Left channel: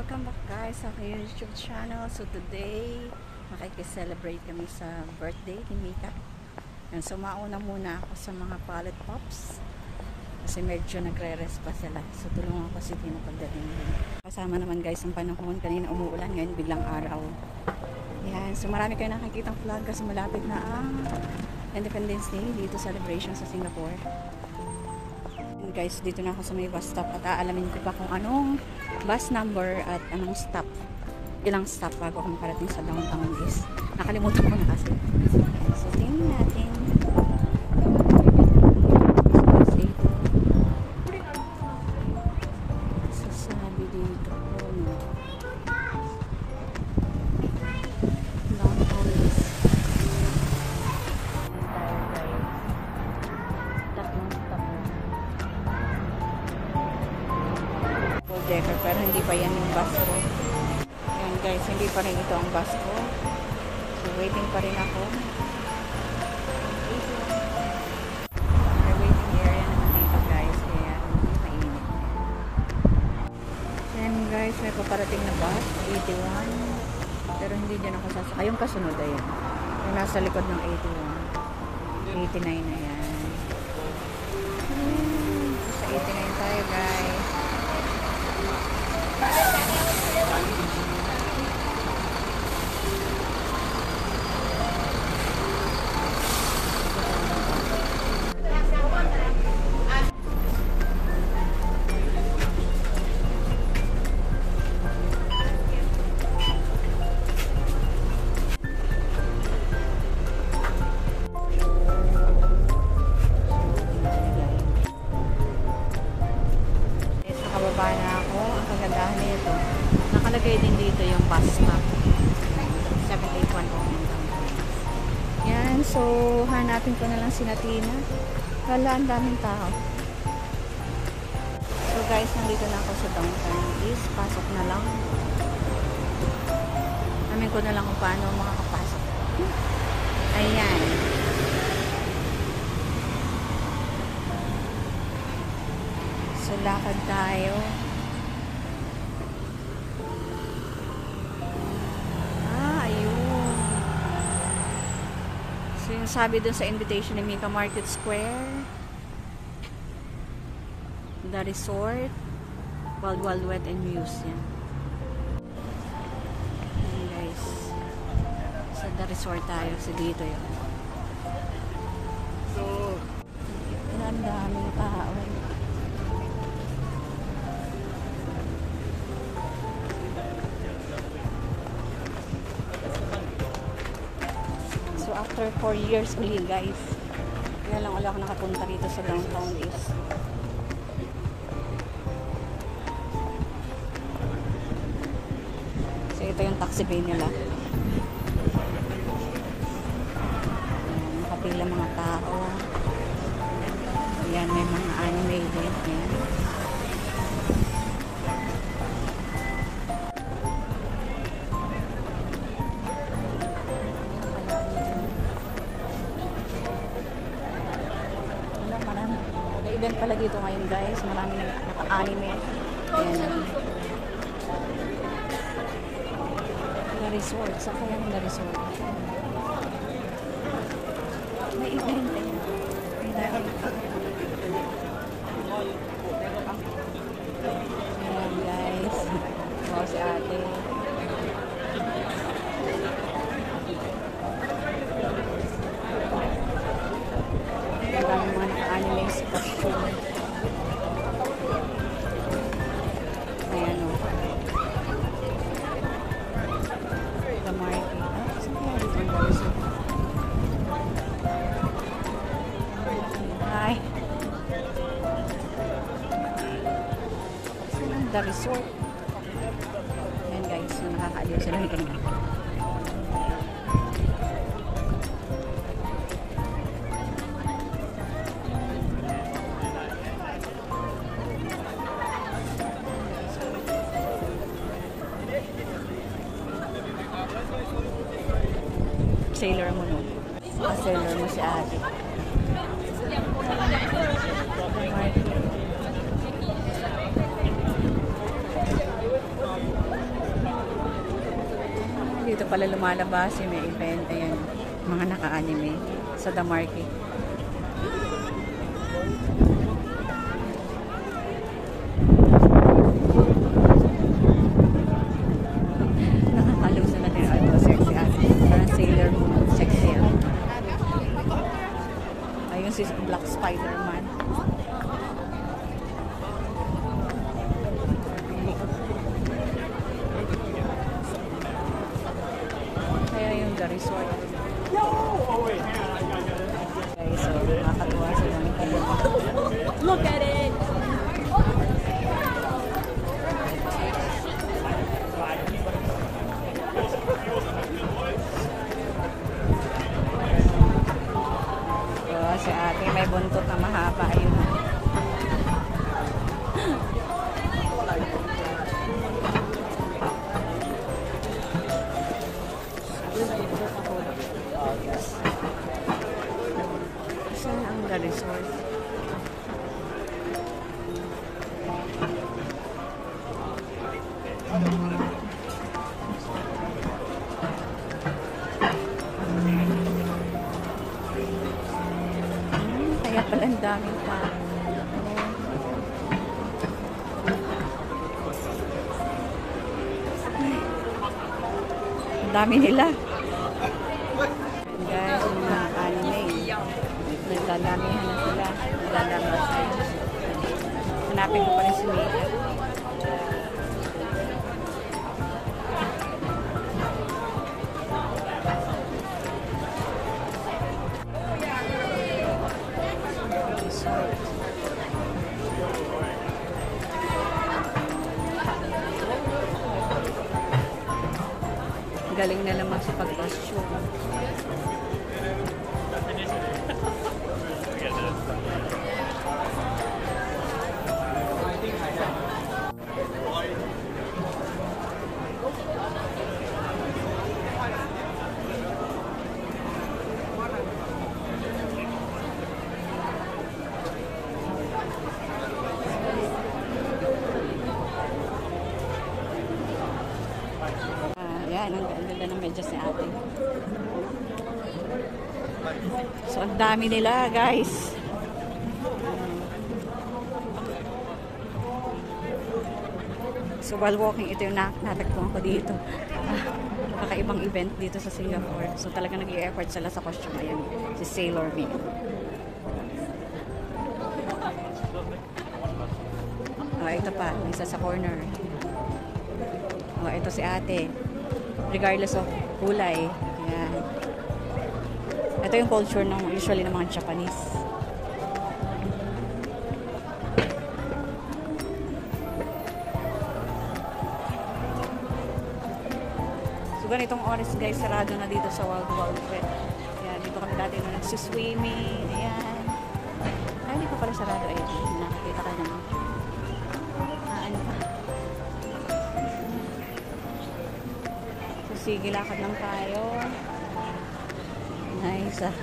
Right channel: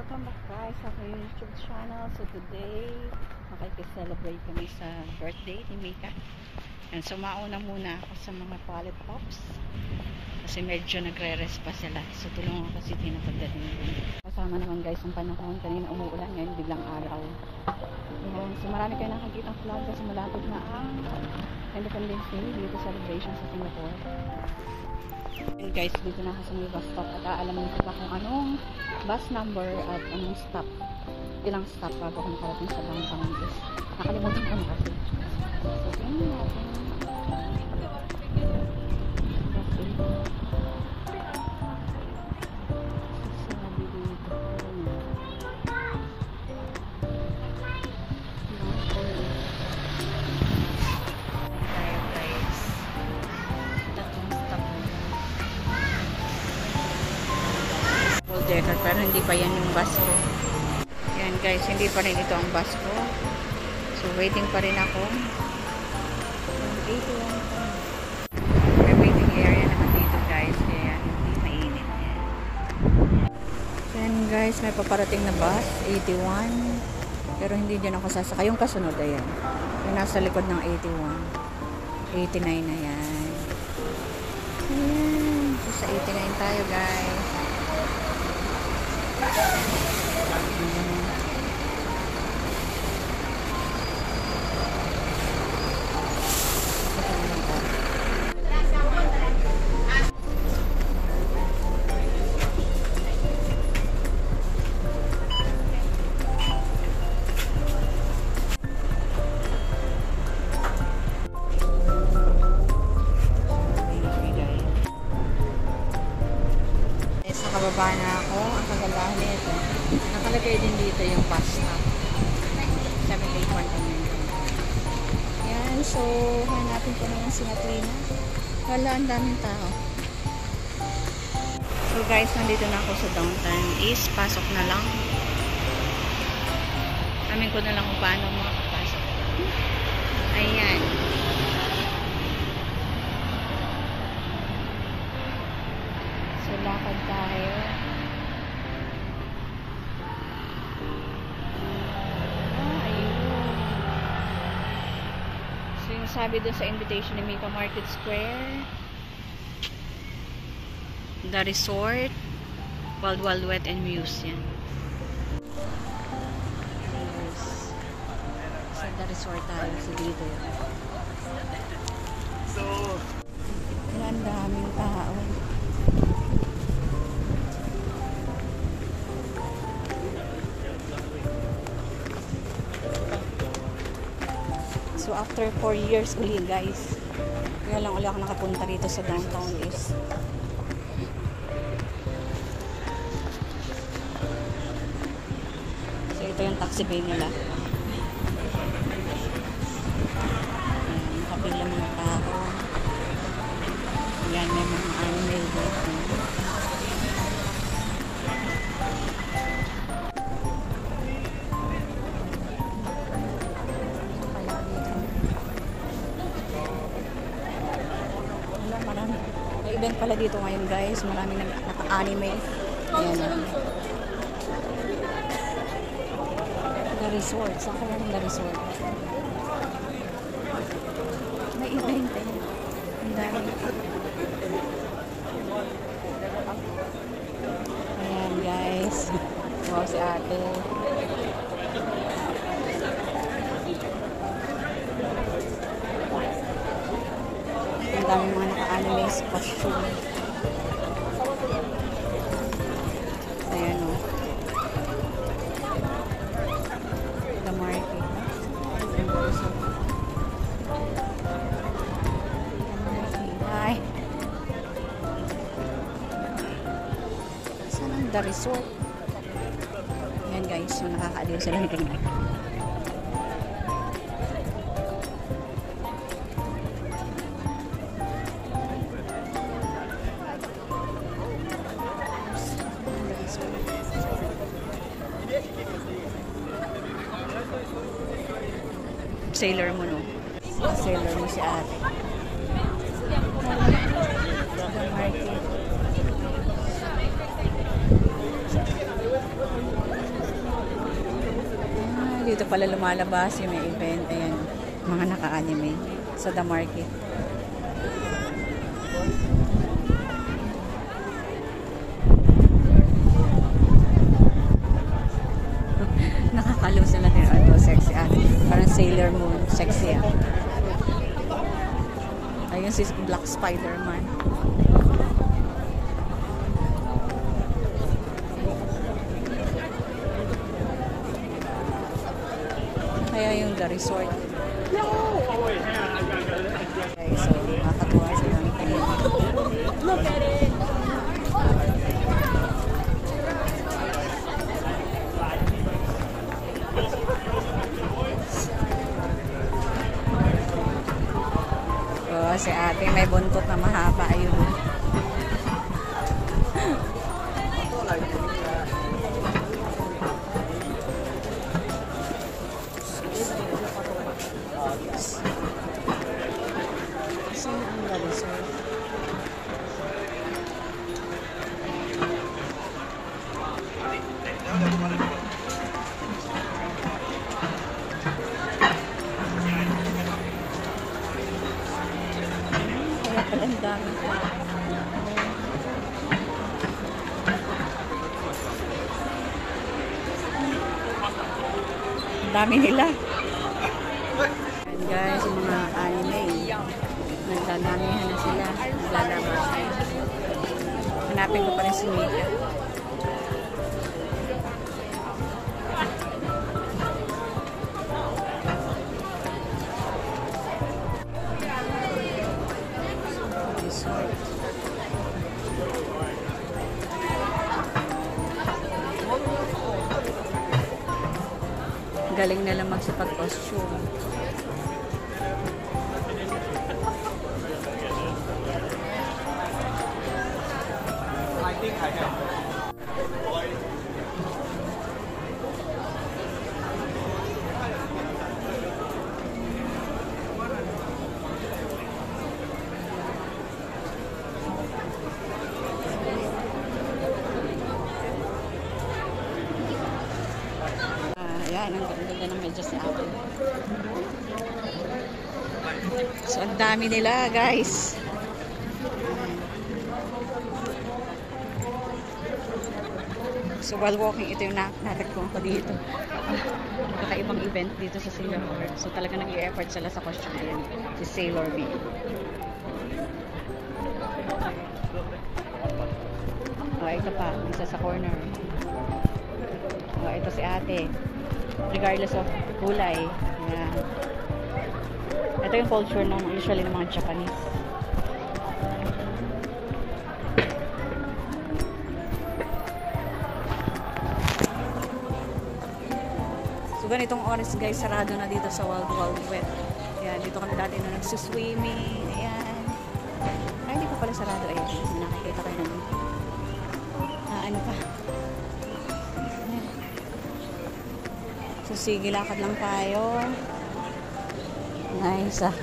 Welcome back guys sa aking YouTube channel. So today, nakikiselebrate kami sa birthday ni Mika. And so mauna muna ako sa mga pallet pops. Kasi medyo nagre-rest pa sila. So tulungan ko si Tina pagdating dun. Kasama naman guys ang panahon. Kanina umuulan, ngayon biglang araw. Yan. So marami kayo nakakitang flag kasi malapit na ang Independence Day dito celebration sa Singapore. And guys, dito na ako sa may bus stop at aalamin ko pa kung anong bus number at anong stop, ilang stop bago ako makarating sa downtown is. Nakalimutan ko na kasi. So tingnan natin. Sasabi dito na downtown is tayo guys, tatlong stop full decker, pero hindi pa yan yung bus ko. Yan guys, hindi pa rin ito ang bus ko. So waiting pa rin ako. May waiting area naman dito guys, kaya hindi mainit. Yan guys, may paparating na bus 81, pero hindi din ako sasakay. Yung kasunod ayan, yung nasa likod ng 81, 89 na yan. Sa 89 tayo guys. Nakababa na ako. Ang kagandahan nito, nakalagay din dito yung bus stop 78109 downtown. Yan, so hanapin ko na lang si Natina. Hala, ang daming tao. So guys, nandito na ako sa downtown is pasok na lang. Amin ko na lang kung paano makakapasok. Ayan. So lakad tayo. Ayun. So yung sabi dun sa invitation ni Mika, Market Square, The Resort, Wild Wild Wet and Museum. Anyways, sa The Resort tayo. So dito yun. So, ang daming tao. So after 4 years uli guys, kaya lang ulit ako nakapunta rito sa downtown is. So ito yung taxi pay nila. Ayan, nakapila mga tao. Ayan, may mga anime dito. May event pala dito ngayon guys. Marami naka-anime. Ayan. The Resort. Saan kaya ng The Resort? May event eh. Ang dahil. Ayan guys. Wow, si ate. Ang daming mga naka-anime costume. Ayan o. The market. Ang dami sa hi. Saan ang The Resort? Ayan guys. So nakakaaliw sila nito na. Sailor mo no? Sailor mo si ate. The market. pala lumalabas yung may event. Ayan, mga naka-anime sa The Market. Nakakalow sila din. Ito, sexy ah. Parang Sailor Moon. Sexy ah. Ayun si Black Spider-Man. Kaya yung The Resort. No! Okay, so nakakatuwa silang tingin. Look at it! Oh, si ate may buntot na mahaba. Ayun. Saan ang The Resort? Kaya pala ang daming tao. Ang dami nila. And guys, mga anime. Nagdadamihan na sila. Naglalabas na. Hanapin ko pa rin si Mika. Resort. Galing na lang magsipag-costume. Yan, ang ganda ng medyas ni ate. So, ang dami nila, guys. So, while walking, ito yung natagpuan ko dito. Kakaibang event dito sa Singapore. So, talaga nag-i-effort sila sa costume. Ayan, si Sailor Moon. Ito pa, isa sa corner. Ito si ate. Regardless of kulay. Ayan. Ito yung culture ng usually ng mga Japanese. So ganitong oras guys, sarado na dito sa Wild Wild Wet. Ayan, dito kami dati nung nagsuswimming. Ayan. Ay, hindi pa pala sarado. Ayan, nakakita kayo naman. Ano pa? So, sige, lakad lang tayo. Nice ah.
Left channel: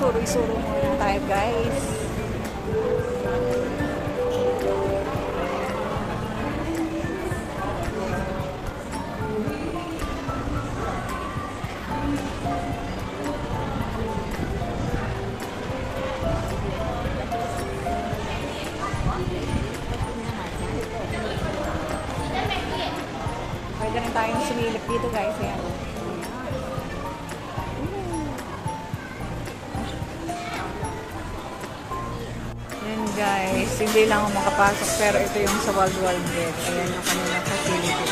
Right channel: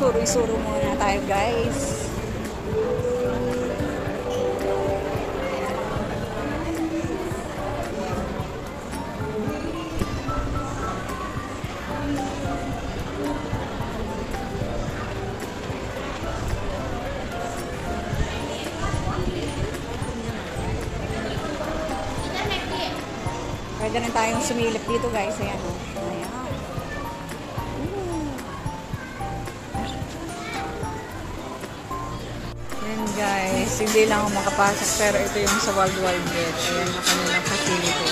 Suro-suro muna tayo guys. Kaya ganun tayong sumilip dito guys. Ayan o. Ayan guys, hindi lang ako makapasok pero ito yung sa Wild Wild Wet. Ayan yung kanilang facility.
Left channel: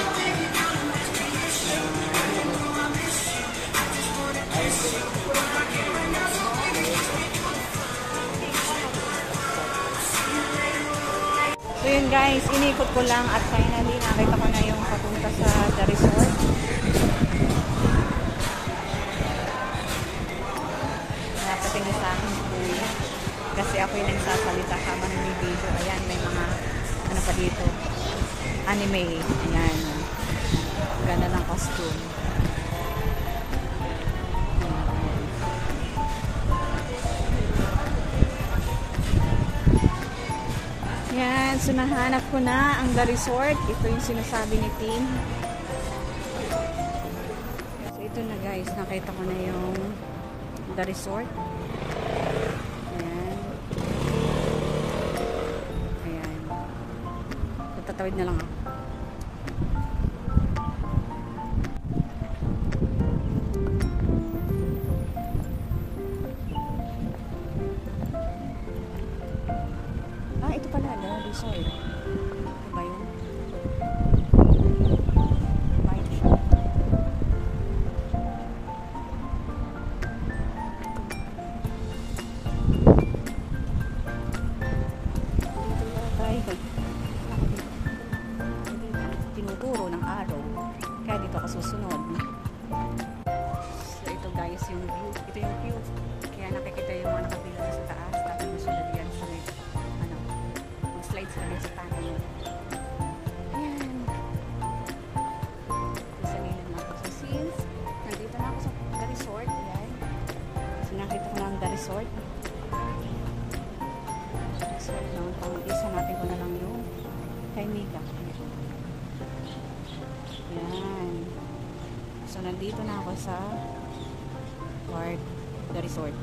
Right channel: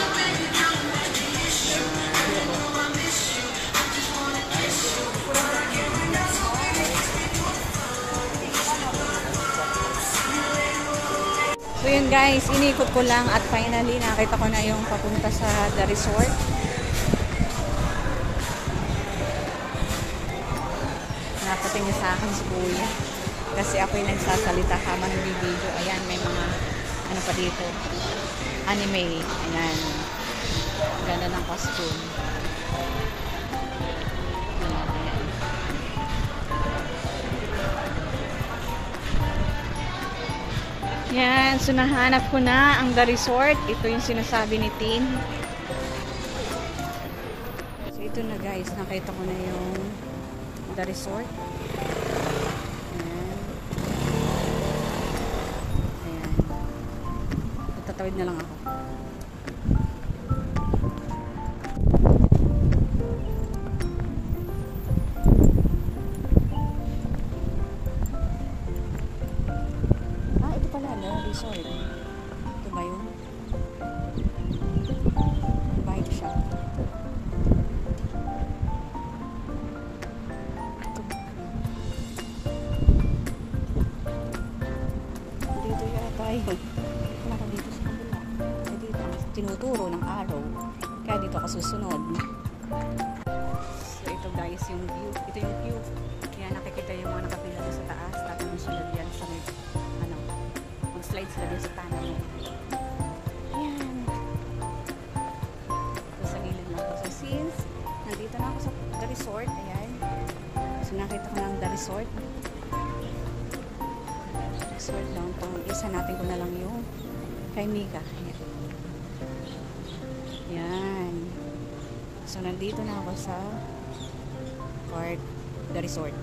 So yun guys, inikot ko lang at finally nakita ko na yung papunta sa The Resort. niya sa akin si Kuya. Kasi ako yung nagsasalita habang nag-video. Ayan, may mga ano pa dito. Anime. Ayan. Ganda ng costume. Ayan. Yan. So, nahanap ko na ang The Resort. Ito yung sinasabi ni Tin. So, ito na guys. Nakita ko na yung The Resort. Ayan. Ayan. Tatawid na lang ako. Ah, ito pala, The Resort. Ito ba yun? Ba ito siya? Dito yata yun. Naka dito sa kabila. Dito ang tinuturo ng araw. Kaya dito ako susunod. So ito guys yung view. Ito yung view. Kaya nakikita yung mga nakapila sa taas. Tapos sila diyan sa may ano. Mag-slide sila doon sa tanan mo. Ayan. So sa gilid lang. So since nandito na ako sa The Resort. Ayan. So nakita ko na ang The Resort. Resort downtown. Isa natin ko na lang yung kay Mika. Ayan. So nandito na ako sa park, The Resort.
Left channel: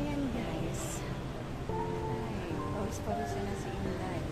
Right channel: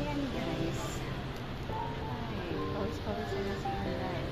Ayan guys. Ay, pawis-pawis na si Inday.